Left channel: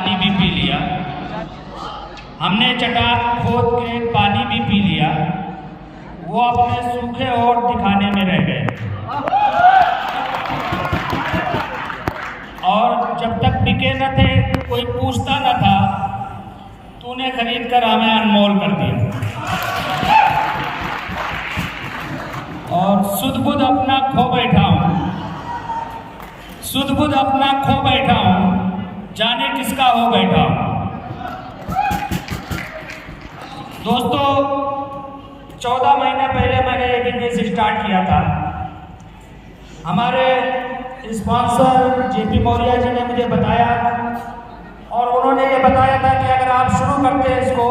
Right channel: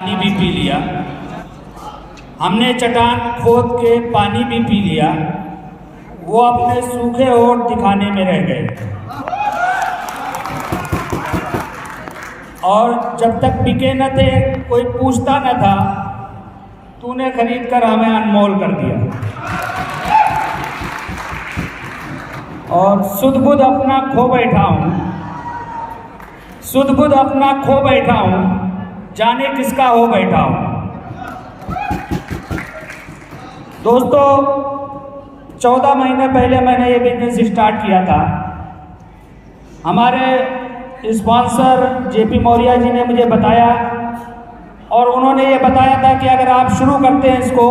पानी भी पी लिया, हमने चट्टान खोद के पानी भी पी लिया, वो अपने सूखे होठ दिखाने में रह गए। और जब तक बिके न थे कोई पूछता न था, तूने खरीद कर हमें अनमोल कर दिया। और सुध बुध अपना खो बैठा हूँ, सुध बुध अपना खो बैठा हूँ, जाने किसका हो बैठा हूँ। दोस्तों 14 महीने पहले मैंने ये बिजनेस स्टार्ट किया था। हमारे स्पॉन्सर जेपी मौर्य जी ने मुझे बताया और उन्होंने ये बताया था कि अगर आप शुरू करते हैं इसको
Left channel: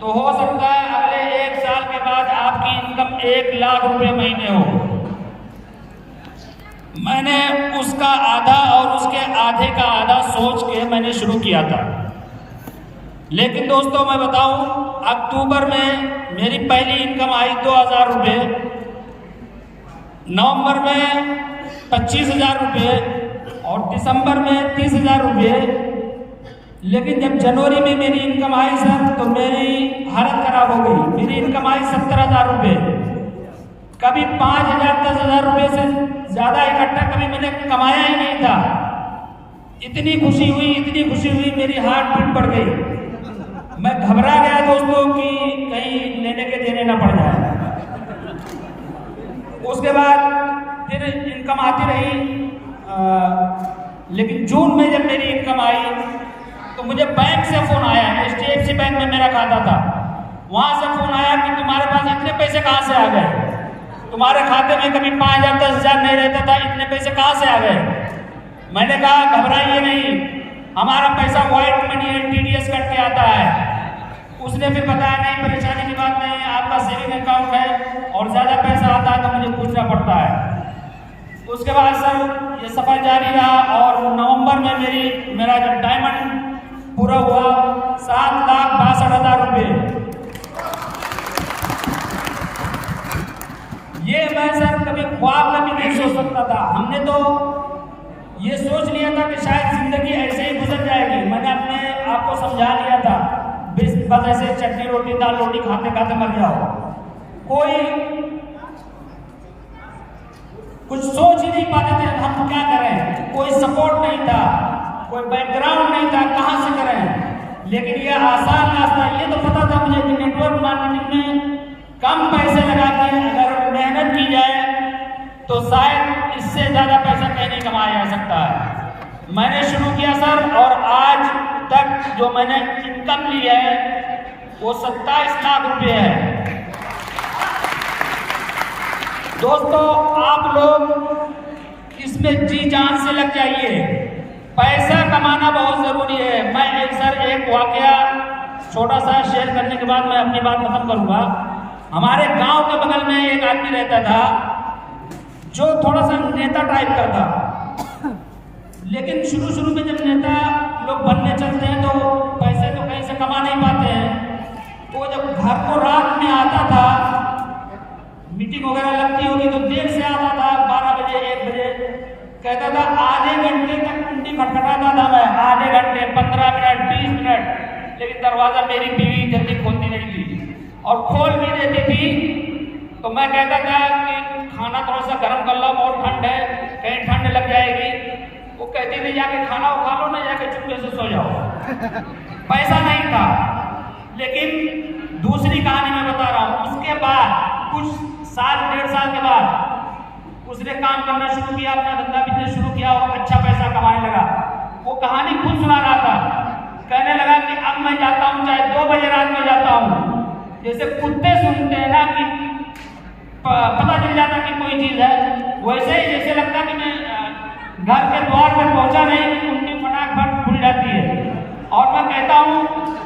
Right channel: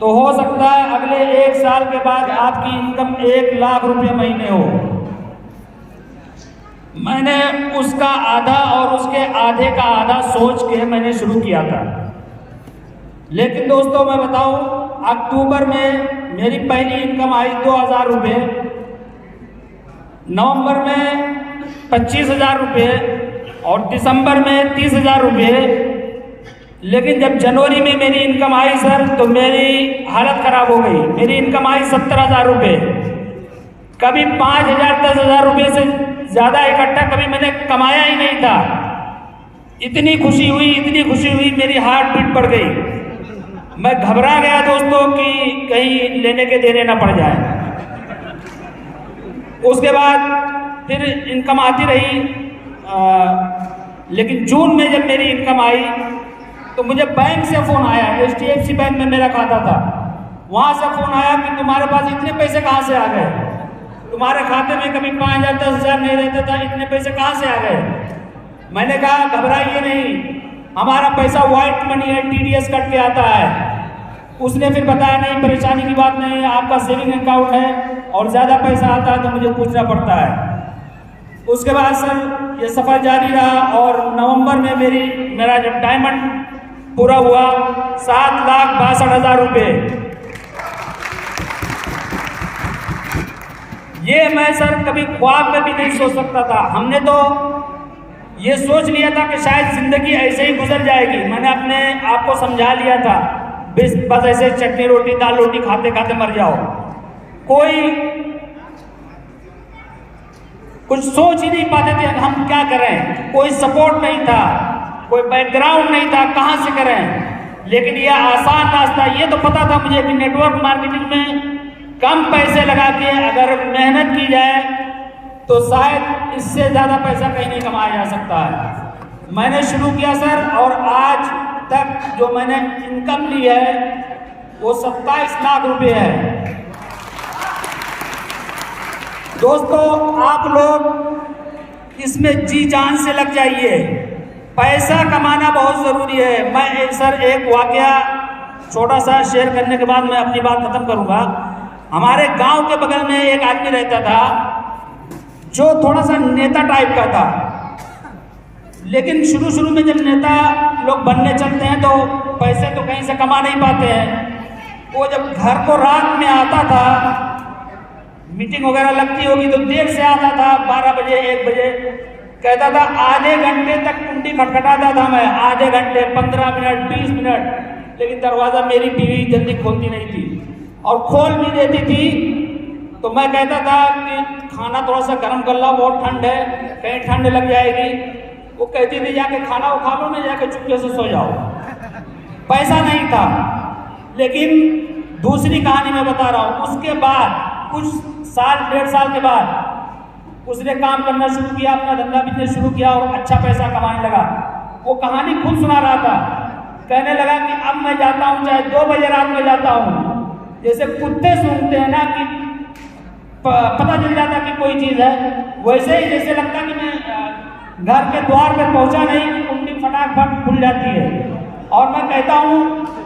तो हो सकता है अगले 1 साल के बाद आपकी इनकम 1 लाख रुपए महीने हो। मैंने उसका आधा और उसके आधे का आधा सोच के मैंने शुरू किया था। लेकिन दोस्तों मैं बताऊं, अक्टूबर में मेरी पहली इनकम आई 2000 रुपये, नवंबर में 25,000 रुपये और दिसंबर में 30,000 रुपये। लेकिन जब जनवरी में मेरी इनकम आई सर, तो मेरी हालत खराब हो गई। मेरी इनकम आई 70,000 रुपये। कभी 5,000 10,000 रुपये से ज़्यादा इकट्ठा कभी मैंने कमाया ही नहीं था। इतनी खुशी हुई, इतनी खुशी हुई, मेरी हार्ट बीट बढ़ गई। मैं घबरा गया दोस्तों कि कहीं लेने के देने ना पड़ जाए। उसके बाद फिर इनकम आती रही, लेकिन जून में जब मेरी इनकम आई तो मुझे बैंक से फ़ोन आया। HDFC बैंक में मेरा खाता था, वहाँ से फ़ोन आया कि तुम्हारे पास इतने पैसे कहाँ से आ गए, तुम्हारे खाते में कभी 5,000 10,000 नहीं रहता था, इतने पैसे कहाँ से आ गए। मैंने कहा घबराइए नहीं, हमारा पैसा व्हाइट मनी है, TDS कट के आता है। उसने फिर बताया नहीं, परेशानी की बात नहीं है, आपका सेविंग अकाउंट है और ज़्यादा पैसा आता है तो मुझे पूछना पड़ता है। उसके बाद सर ये सफ़र जारी रहा और नवंबर में मेरा जब डायमंड पूरा हुआ 7,62,000 रुपये। ये मैं सर कभी ख्वाब में भी नहीं सोच सकता था। हमने तो ये सोच लिया था कि शायद जिंदगी ऐसे ही गुजर जाएगी। मैंने अपने आप को समझा लिया था बस ऐसे चटनी रोटी दाल रोटी खाते खाते मर जाओ। कोई कुछ सोच ही नहीं पाते थे हम क्या करें, कोई सपोर्ट नहीं था, कोई बैकग्राउंड नहीं था, कहाँ से करें। लेकिन यह आसान रास्ता, ये तो पता था मुझे कि नेटवर्क मार्केटिंग में कम पैसे लगा के अगर मेहनत की जाए तो शायद इससे ज़्यादा पैसा कहीं नहीं कमाया जा सकता है। मैंने शुरू किया सर और आज तक जो मैंने इनकम ली है वो 27 लाख रुपए है। दोस्तों आप लोग इसमें जी जान से लग जाइए, पैसा कमाना बहुत ज़रूरी है। मैं एक वाकया छोटा सा शेयर करने के बाद मैं अपनी बात खत्म करूँगा। हमारे गांव के बगल में एक आदमी रहता था जो थोड़ा सा नेता टाइप का था। लेकिन शुरू में जब नेता लोग बनने चलते हैं तो पैसे तो कहीं से कमा नहीं पाते हैं। वो जब घर को रात में आता था, मीटिंग वगैरह लगती होगी तो देर से आता था, 12 बजे 1 बजे। कहता था आधे घंटे तक कुंडी खटखटाता था मैं, आधे घंटे 15 मिनट 20 मिनट, लेकिन दरवाज़ा मेरी बीवी जल्दी खोलती नहीं थी और खोल भी देती थी तो मैं कहता था कि खाना थोड़ा सा गर्म कर लो, बहुत ठंड है, कहीं ठंड लग जाएगी। वो कहती थी जाके खाना वो खा लो ना, जाके चुपके से सो जाओ। पैसा नहीं था। लेकिन दूसरी कहानी मैं बता रहा हूँ, उसके बाद कुछ साल 1.5 साल के बाद उसने काम करना शुरू किया, अपना धंधा बिजनेस शुरू किया और अच्छा पैसा कमाने लगा। वो कहानी खुद सुना रहा था, कहने लगा कि अब मैं जाता हूँ चाहे 2 बजे रात में जाता हूँ, जैसे कुत्ते सूंघते हैं ना कि पता चल जाता कि कोई चीज़ है, वैसे ही जैसे लगता कि मैं घर के द्वार पे पहुंचा नहीं कि कुंडी फटाफट खुल जाती है। और मैं कहता हूँ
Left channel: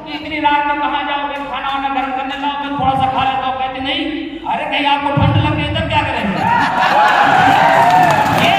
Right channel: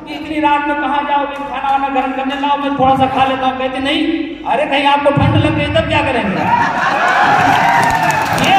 कि इतनी रात में कहाँ जाओगे, खाना वाना गर्म करने लाओ, मैं थोड़ा सा खा लेता हूँ। कहते नहीं, अरे कहीं आपको ठंड लग गई तब क्या करेंगे। ये